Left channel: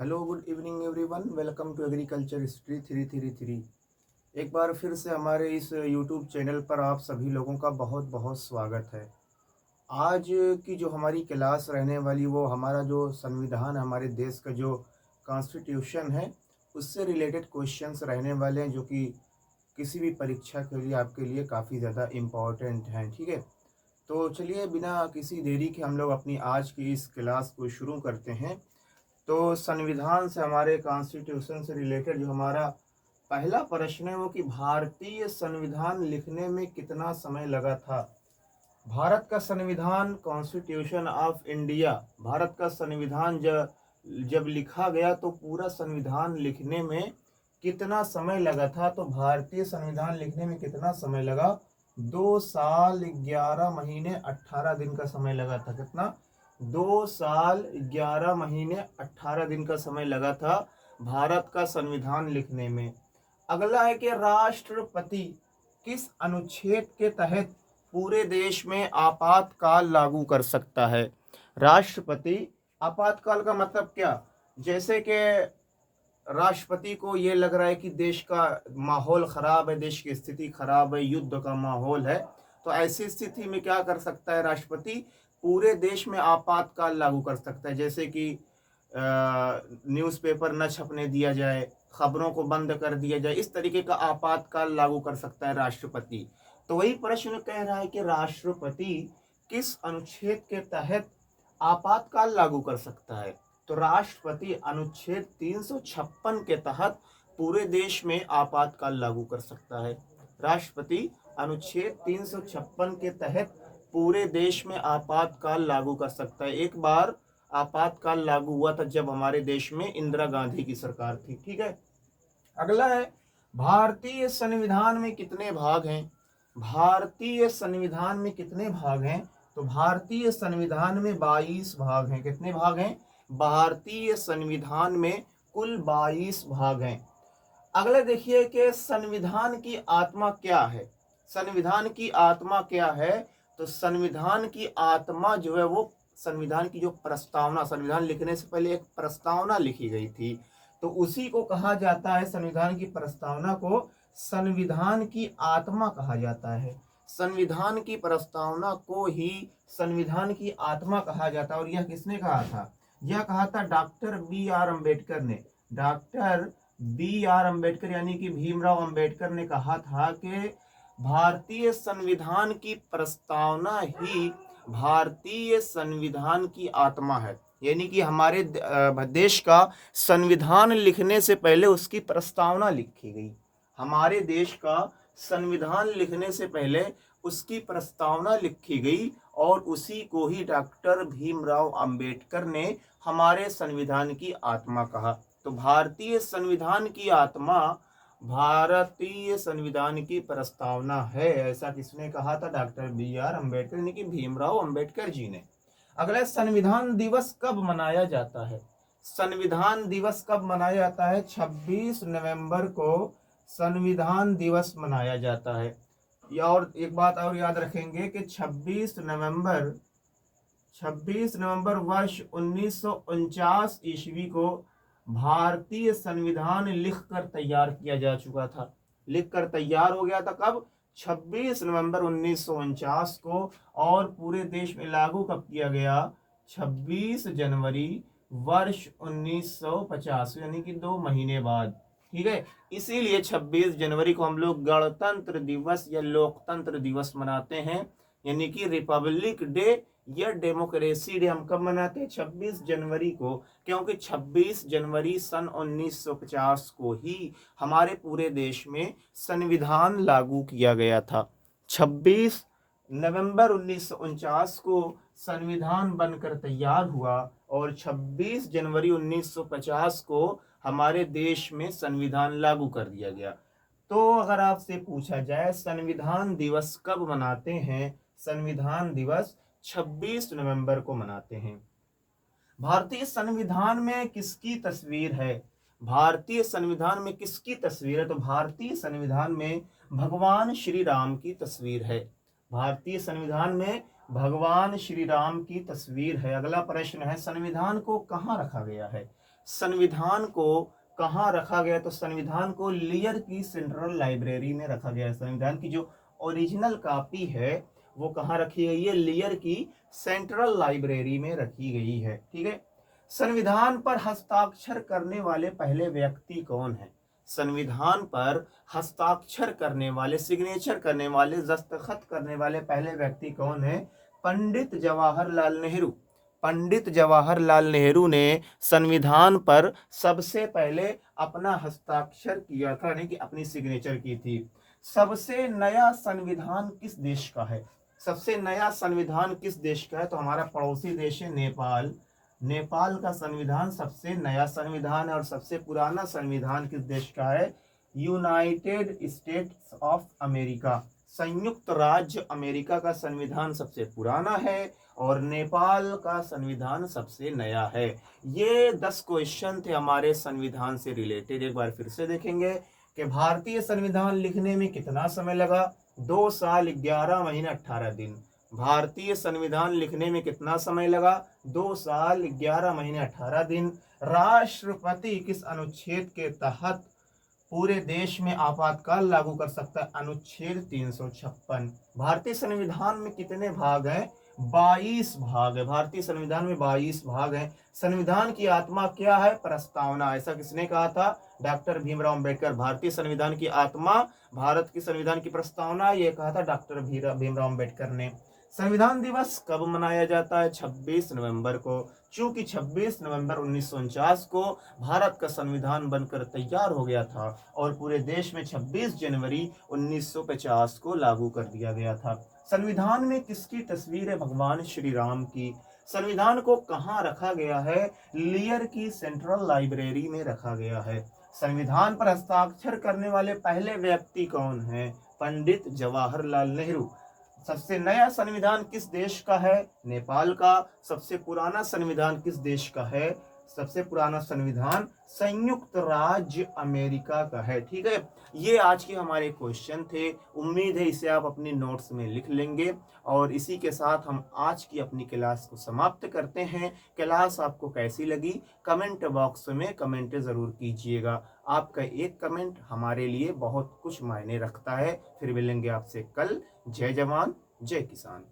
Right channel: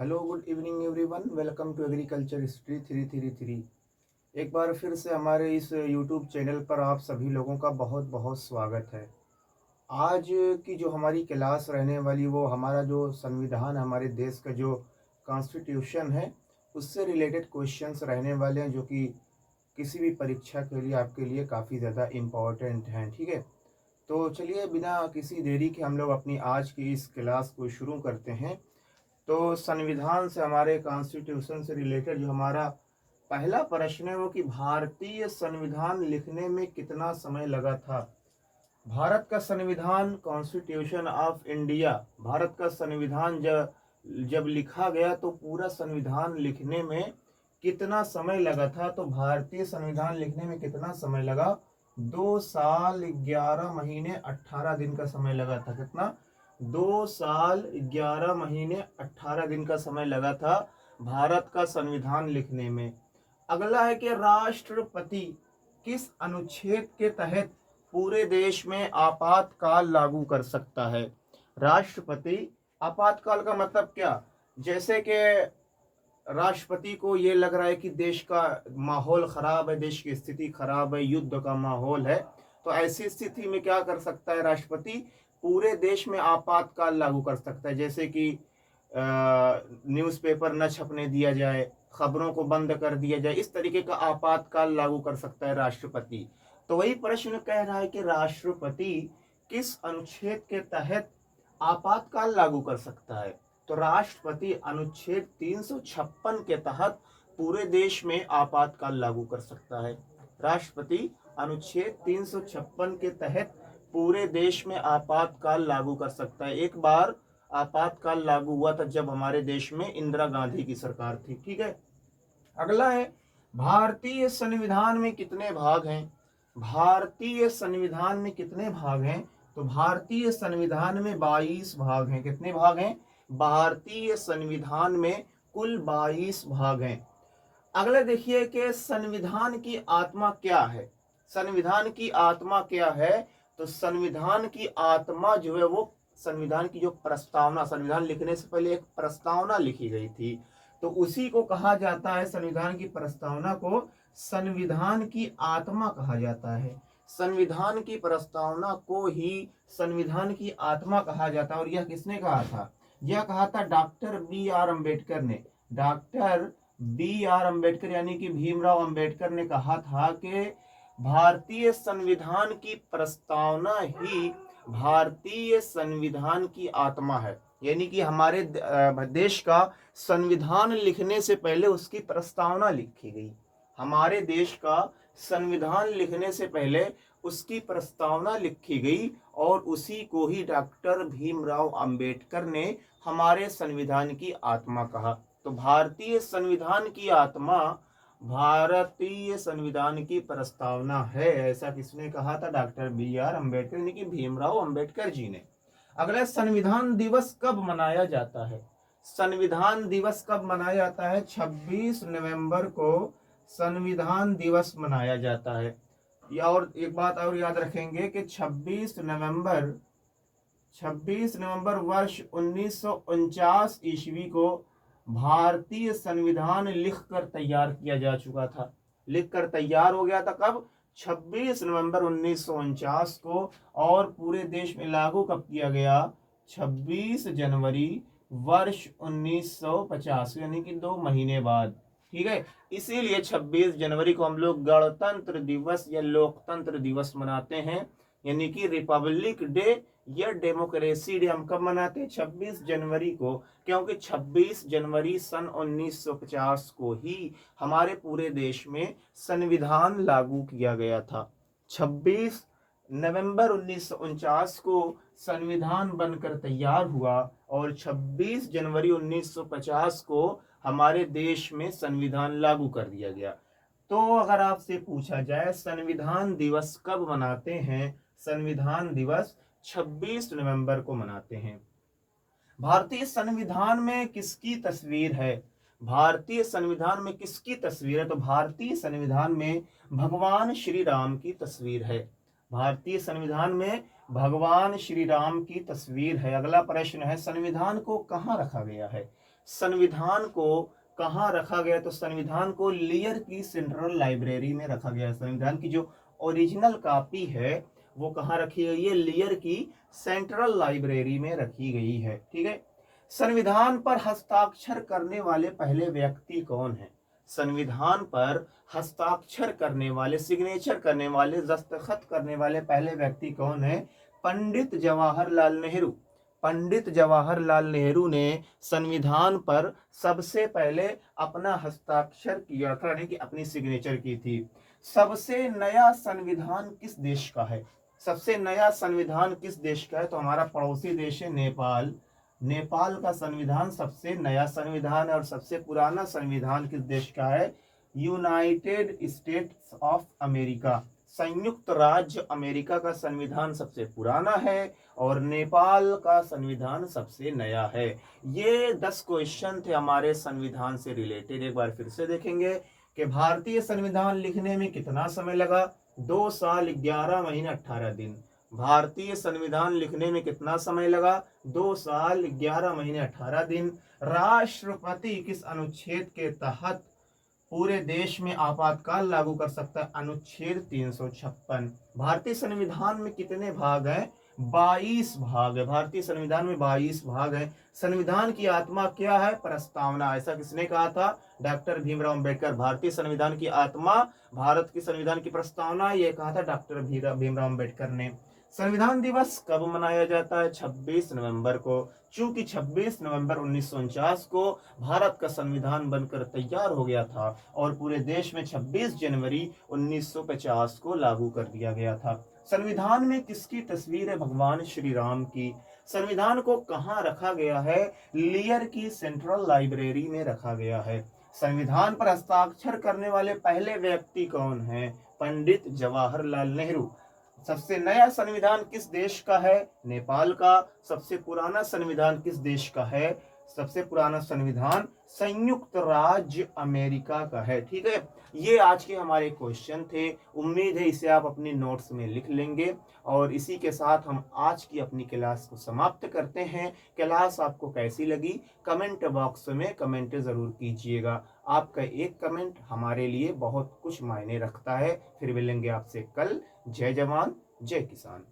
Hello good evening everyone, welcome to agriculture history 333। एक बार फिर से हमारे इस यूट्यूब चैनल पर आप सभी लोगों का बहुत बहुत स्वागत है। आज की जो हमारी क्लास रहने वाली वो हमारा जो संविधान, हमारे देश का जो कॉन्स्टिट्यूशन है, उससे रिलेटेड क्वेश्चंस रहने वाले हैं, जो कि किसी भी परीक्षा के लिए आपके लिए काफ़ी ज़्यादा इम्पोर्टेंट हैं। ठीक है, तो चलिए बिना किसी देरी के हम लोग अपनी आज की इस क्लास को शुरू करते हैं। तो संविधान से, हमारे कॉन्स्टिट्यूशन से रिलेटेड जो हमारा पहला प्रश्न है वो कि भारतीय संविधान लिखने में कितना समय लगा था। भारत का संविधान, कॉन्स्टिट्यूशन ऑफ इंडिया, भारत का संविधान जब जब लिखा गया तो पूरा संविधान लिखने में कितना समय लगा था। तो भारतीय संविधान लिखने में कितना समय लगा? 2 साल 11 महीने 18 दिन का समय लगा था। कितना? 2 साल 11 महीने 18 दिन का समय लगा था भारत का संविधान लिखने में। अगला है कि राष्ट्रपति किस अनुच्छेद के तहत पूरे देश में आपातकाल लागू कर सकता है। राष्ट्रपति, आपातकाल का मतलब क्या? जैसे कि राष्ट्रपति को ये लग रहा है कि देश का माहौल खराब है, देश की स्थिति खराब है, युद्ध का माहौल है, तो ऐसी स्थिति में क्या कर सकता है राष्ट्रपति? पूरे देश में आपातकाल लागू कर सकता है। जैसे कि न्यूज़पेपर न छपने दिया जाए, खबरों को बंद कर दिया जाए, इस तरीके का आपातकाल लागू कर सकता है राष्ट्रपति। तो वही प्रश्न कह रहा है कि राष्ट्रपति किस अनुच्छेद के तहत आपातकाल लागू कर सकता है। तो राष्ट्रपति अनुच्छेद 356 के तहत पूरे देश में आपातकाल लागू कर सकता है। राष्ट्रपति अनुच्छेद 356 के तहत पूरे देश में आपातकाल लागू कर सकता है। एक बार आपातकाल लागू हुआ था जब हमारे देश में इंदिरा गांधी की सरकार थी। ठीक है, अगला है भारतीय संविधान में कितने भाग हैं। भारतीय संविधान में कितने भाग हैं? तो भारतीय संविधान में 22 भाग हैं। कितने भाग हैं? भारतीय संविधान में कुल 22 भाग हैं। अगला देखिए कि संविधान की आत्मा क्या है। संविधान की आत्मा क्या है? तो संविधान की आत्मा जो है वो संविधान की जो प्रस्तावना, संविधान लिखने से पहले एक प्रस्तावना लिखी गई थी, तो उसी को कहा जाता है, संविधान की प्रस्तावना को संविधान की आत्मा कहा जाता है। संविधान की प्रस्तावना को ही संविधान की आत्मा कहा जाता है। और यह किसने कहा था? यह कहा था डॉक्टर बी आर अम्बेडकर ने। डॉक्टर बी आर अम्बेडकर यानी कि भीमराव अम्बेडकर ने कहा था कि भारतीय संविधान की प्रस्तावना ही भारतीय संविधान की आत्मा है। यानी कि हमारे देश का संविधान लिखने से पहले उसकी प्रस्तावना लिखी गई। हमारे देश का संविधान लिखने से पहले उसकी प्रस्तावना लिखी गई और उसी को ही डॉक्टर भीमराव अंबेडकर ने हमारे संविधान की आत्मा कहा। तो भारतीय संविधान की आत्मा भारतीय संविधान की प्रस्तावना है, ऐसा किसने कहा था? डॉक्टर बी आर अम्बेडकर यानी कि भीमराव अंबेडकर जी ने। अगला, संविधान दिवस कब मनाया जाता है? संविधान दिवस कब मनाया जाता है? 26 नवंबर को संविधान दिवस मनाया जाता है। या और एक बात और याद रखेंगे कि 26 नवंबर वर्ष 1949 ईस्वी को भारतीय संविधान लिखकर तैयार किया जा चुका था। लिखकर तैयार हो गया था कब? 26 नवंबर 1949 को। और पूरे देश में लागू कब किया गया? 26 जनवरी वर्ष 1950, यानी कि 2 महीने बाद। ठीक है, इसीलिए 26 जनवरी को हम लोग गणतंत्र दिवस या लोकतंत्र दिवस मनाते हैं, यानी कि रिपब्लिक डे या डेमोक्रेसी डे हम कब मनाते हैं? 26 जनवरी को, क्योंकि 26 जनवरी सन 1950 को ही हमारे पूरे देश में संविधान लागू किया गया था। 26 नवंबर 1949 को संविधान बनकर तैयार हुआ और 26 जनवरी 1950 को हमारे देश में संविधान लागू कर दिया गया। तो अगर आपसे पूछा जाए संविधान दिवस कब मनाते हैं? संविधान दिवस 26 नवंबर को मनाते हैं। भारतीय संविधान में किसकी तस्वीर है? भारतीय संविधान में किसकी तस्वीर है? तो भारतीय संविधान में भगवान श्री राम की तस्वीर है। भारतीय संविधान में भगवान श्री राम की तस्वीर है। अगला प्रश्न है, संविधान को कहाँ रखा गया है? संविधान को कहाँ रखा गया, तो संविधान को लियर की सेंट्रल लाइब्रेरी में रखा गया है। संविधान की जो ओरिजिनल कॉपी है वो कहाँ रखी गई है, लियर की सेंट्रल लाइब्रेरी में रखी गई है। ठीक है। संविधान पर हस्ताक्षर करने वाले पहले व्यक्ति कौन है, संविधान पर हस्ताक्षर करने वाले, सिग्नेचर करने वाले, दस्तखत करने वाले पहले व्यक्ति कौन है, पंडित जवाहरलाल नेहरू। पंडित जवाहरलाल नेहरू ने संविधान पर सबसे पहले अपना हस्ताक्षर किया था, यानी कि अपनी सिग्नेचर की थी। सबसे नया संविधान किस देश का है, सबसे नया संविधान किस देश का है, तो हमारा पड़ोसी देश है नेपाल। नेपाल का संविधान सबसे नया संविधान है। और सबसे पुराना संविधान किस देश का है, यूनाइटेड स्टेट्स ऑफ अमेरिका, संयुक्त राज्य अमेरिका का संविधान सबसे पुराना है और नेपाल का संविधान सबसे नया है। ये 10 क्वेश्चन थे हमारे संविधान से रिलेटेड। एक बार फिर से देखेंगे कि भारतीय संविधान लिखने में कितना समय लगा, 2 साल 11 महीने 18 दिन। भारतीय संविधान लिखने में कितना समय लगा, 2 साल 11 महीने 18 दिन। राष्ट्रपति किस अनुच्छेद के तहत पूरे देश में आपातकाल लागू कर सकता है, अनुच्छेद 356। भारतीय संविधान में कितने भाग हैं, 22 भाग है। भारतीय संविधान में 22 भाग हैं। संविधान की आत्मा क्या है, प्रस्तावना। ऐसा किसने कहा था, डॉक्टर भीमराव अंबेडकर। भारतीय संविधान की आत्मा, भारत की संविधान की प्रस्तावना, ये कहा था डॉक्टर भीमराव अंबेडकर ने। संविधान दिवस कब मनाया जाता है, 26 नवंबर को। चूंकि 26 नवंबर 1949 को भारत का संविधान बनकर तैयार हो गया था और पूरे देश में 26 जनवरी 1950 को लागू कर दिया गया था। संविधान में किसकी तस्वीर है, भगवान श्री राम की। संविधान को कहाँ रखा गया है, लियर की सेंट्रल लाइब्रेरी में रखा गया है। संविधान पर हस्ताक्षर करने वाले पहले व्यक्ति कौन है, पंडित जवाहरलाल नेहरू। सबसे नया संविधान किस देश का है, नेपाल का। सबसे पुराना संविधान किस देश का है, सबसे पुराना संविधान संयुक्त राज्य अमेरिका का है। ठीक है। ये आज के हमारे क्वेश्चन थे। उम्मीद है इसे आप अपनी नोट्स में लिख लेंगे। और इसी के साथ हम आज की अपनी क्लास को समाप्त करते हैं। क्लास आपको कैसी लगी, कमेंट बॉक्स में कमेंट ज़रूर कीजिएगा। आपका एक कमेंट हमारे लिए बहुत कुछ मायने रखता है। फिर मिलेंगे आपसे कल। जय जवान जय किसान।